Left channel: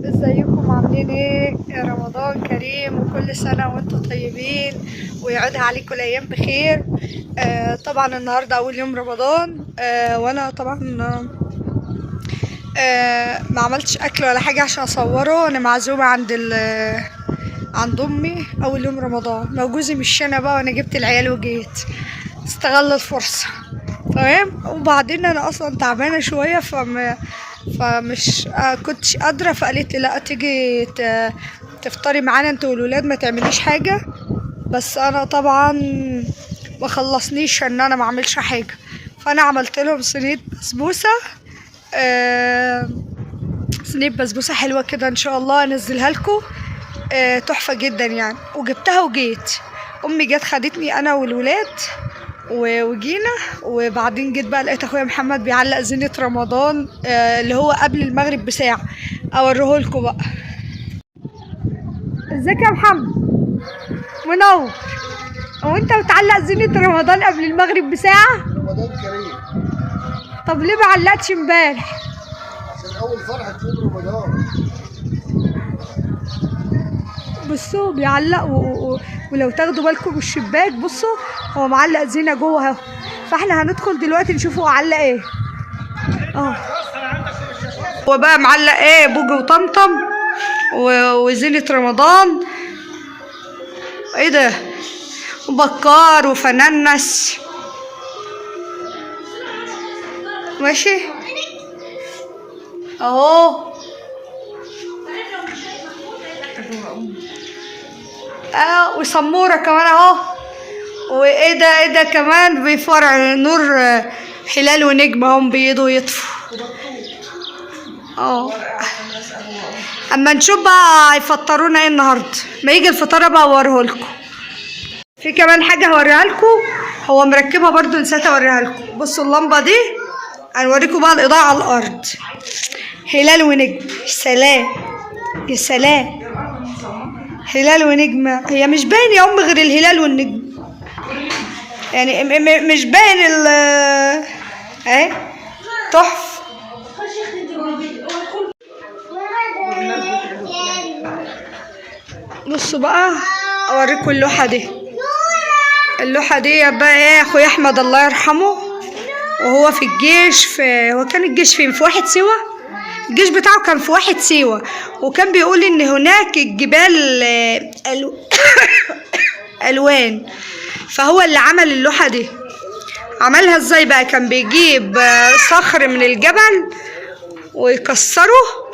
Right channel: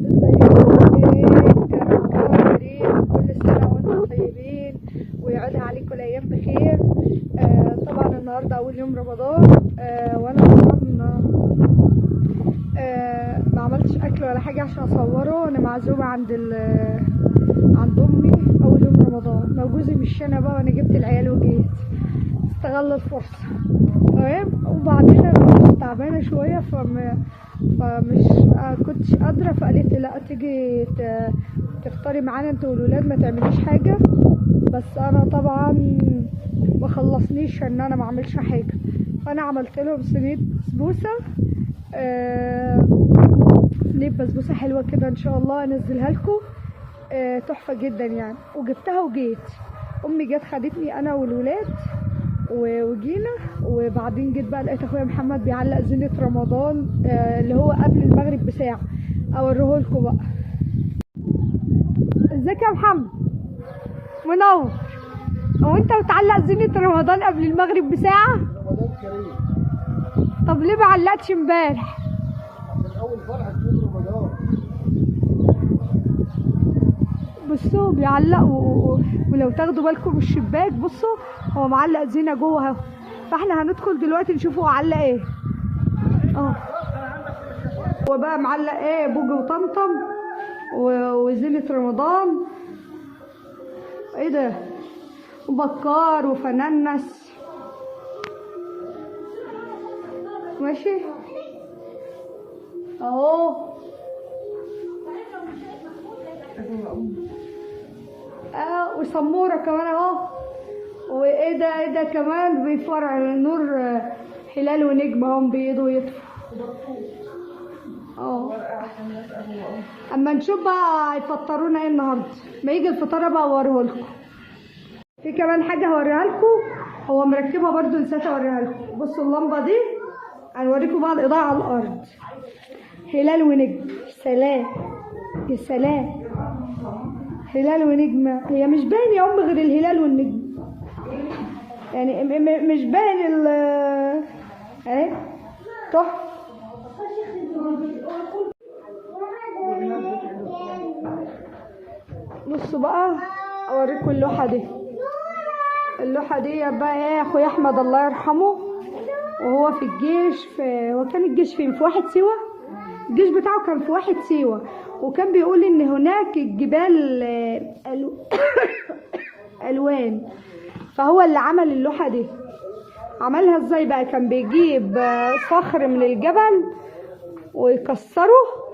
ازيكم عاملين ايه؟ يا رمضان كريم، كل سنة وانتم طيبين ويعودها عليكم الأيام بخير. طبعا النهاردة أول يوم رمضان. وأنا طبعا ما عملتش أكل ولا حاجة عشان أصوره. أنا معزومة عند أمي أول يوم رمضان. لو جوزي مش هنا بقى وأنا جبت العيال وجيت استغل الفرصة. تمام. وبعدين أنا أصلا تعبانة شوية فمش كنتش قادرة، فقالت لي لا تيجي تفطري معانا انت والولاد، ما تعمليش حاجة. بس انا طبعا ما خلصنيش ان انا ما اعملش حاجة، فانا عملت لهم صينية بسبوسة. صينية بسبوسة حلوة كده، ان شاء الله انزلها لكم. تحفة جدا يعني. وجبتها وجيت، امي جت خدتني انا والولاد وجينا. وبعدين جيت بقى لقيت اخويا محمد بيعلق زينة رمضان اللي هو قبل المغرب بساعة. اوريهولكوا بقى. ازيك يا محمد؟ منور. هو انت بتعلق زينة رمضان قبل المغرب بساعة؟ رمضان كريم. طب ليه ما علقتش امبارح؟ عشان اول فرحة يوم رمضان. بصوا بيعلق ولو تاخدوا بالكم من الشباك بصوا هو معلق زينة جوه اهو. فاحنا هندخل دلوقتي نشوفه هو علق ايه. هو بقى معلق ايه؟ بوجي وطمطم وزينة رمضان. ايه ده؟ وبكار وفنانس. ماشي اهو. وسمورة كمان اهو. وايه ده؟ ايه ده كمان؟ بيفرع نور هلال ونجم هم بيضوا يطفوا. اما نشوف بقى هيفطرونا ايه النهارده. ما يجي الفطار بقى اوريهولكم. في كمان حاجه هوريها لكم، هو مركبها برضو نسيت اوريها لكم. بصوا اللمبه دي، هنوريكم بقى الاضاءه على الارض. هلال ونجم. سلام يا سلام. هلال ونجم. هي مش باين يا ام غير الهلال والنجم يعني، مش باين اهي. تحفه. بصوا بقى اوريكم اللوحه دي. اللوحه دي بقى ايه؟ اخويا احمد الله يرحمه وهو في الجيش. هو كان الجيش فين؟ في واحد سيوه. الجيش بتاعه كان في واحد سيوه، وكان بيقول ان هناك الجبال الوان. فهو اللي عمل اللوحه دي. عملها ازاي بقى؟ كان بيجيب صخر من الجبل ويكسره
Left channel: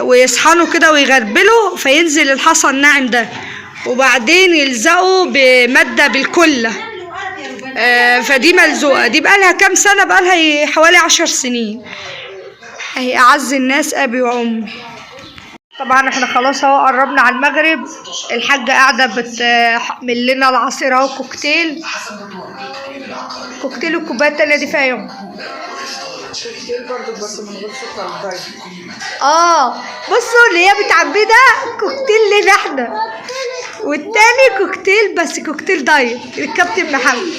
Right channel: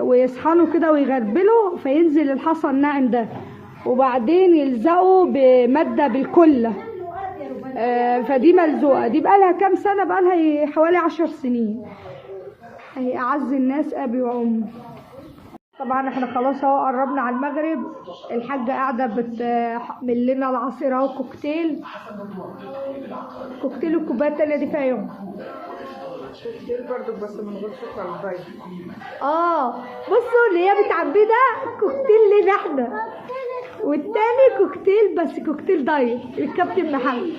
ويصحنه كده ويغربله فينزل الحصى الناعم ده، وبعدين يلزقه بمادة بالكلة. فدي ملزوقة. دي بقالها كام سنة؟ بقالها حوالي 10 سنين. اهي اعز الناس ابي وامي. طبعا احنا خلاص اهو قربنا على المغرب. الحاجة قاعدة بتعمل لنا العصير اهو. كوكتيل والكوباية التانية دي فيها يوم. برضه بس من غير سكر دايت. بصوا اللي هي بتعبيه ده كوكتيل لنا احنا، والتاني كوكتيل بس كوكتيل دايت الكابتن محمد.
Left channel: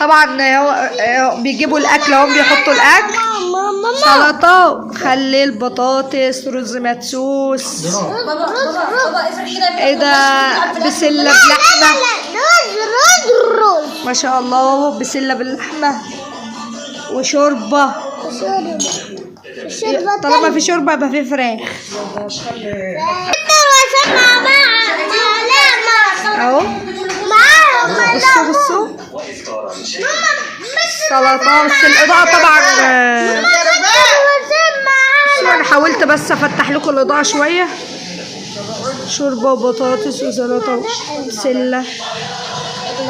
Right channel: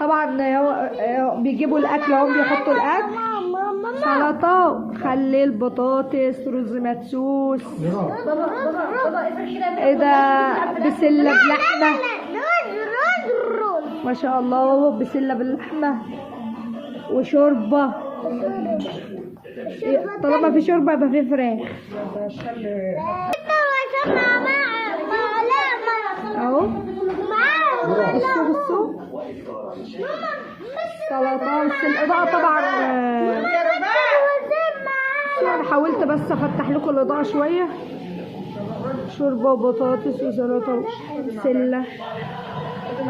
طبعا هو بيجيبوا الاكل اهو، بيحطوا الاكل. سلطه، خليل، بطاطس، رز مدسوس. ايه ده؟ بسله بلحمه. ما شاء الله. بسله باللحمه وشوربه. طالما في شوربه يبقى في فراخ اهو. بصوا سلطه. بس الاضاءه طبعا انا حاولت بس افتح لكم الاضاءه شويه. شوربه وبطاطس وسلطه وبسله،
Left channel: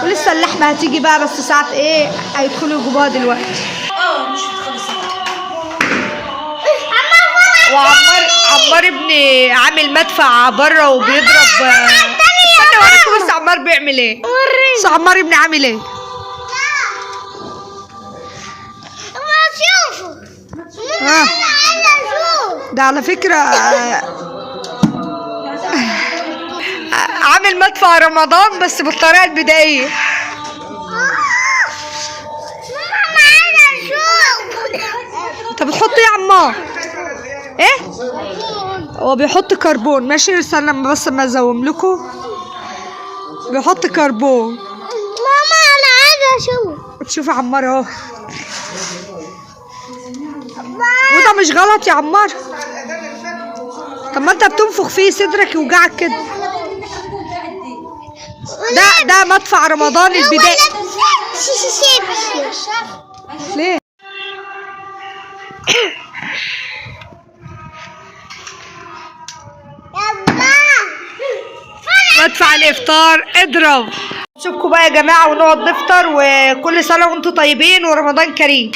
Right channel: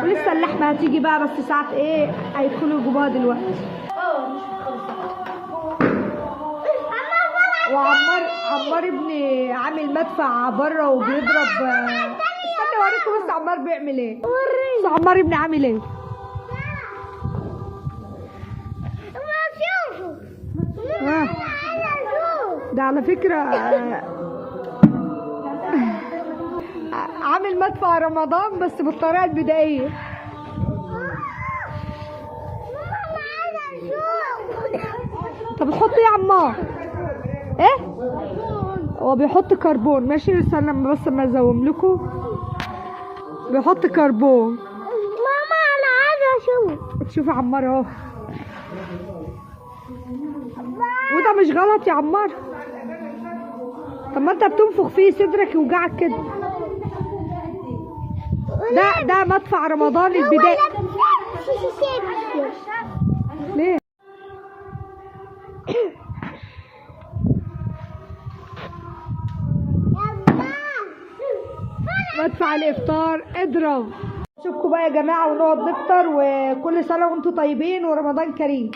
ولسه اللحمه هتيجي بقى بس ساعه ايه هيدخلوا يجيبوها دلوقتي. وعمار ابني عامل مدفع بره وبيضرب. استنى اوريكم بس عمار بيعمل ايه. بس عمار ابني عامل ايه. ده على فكرة عامل مدفع رمضان بس بالطريقة البدائية. انت بتحط ايه يا عمار؟ ايه هو بيحط كربون. ماشي استنى لما بس ما ازوم لكم. بيحط كربون. ماما انا عايزه اشوف. تشوف عمار اهو. وده مش غلط يا عمار. طب ما انت بتنفخ فيه صدرك يوجعك كده. ده مدفع رمضان البداية. ليه؟ مدفع الافطار اضرب. نشوفكم بقى يا جماعه ونقعد نفطر، وكل سنه وانتم طيبين ورمضان كريم.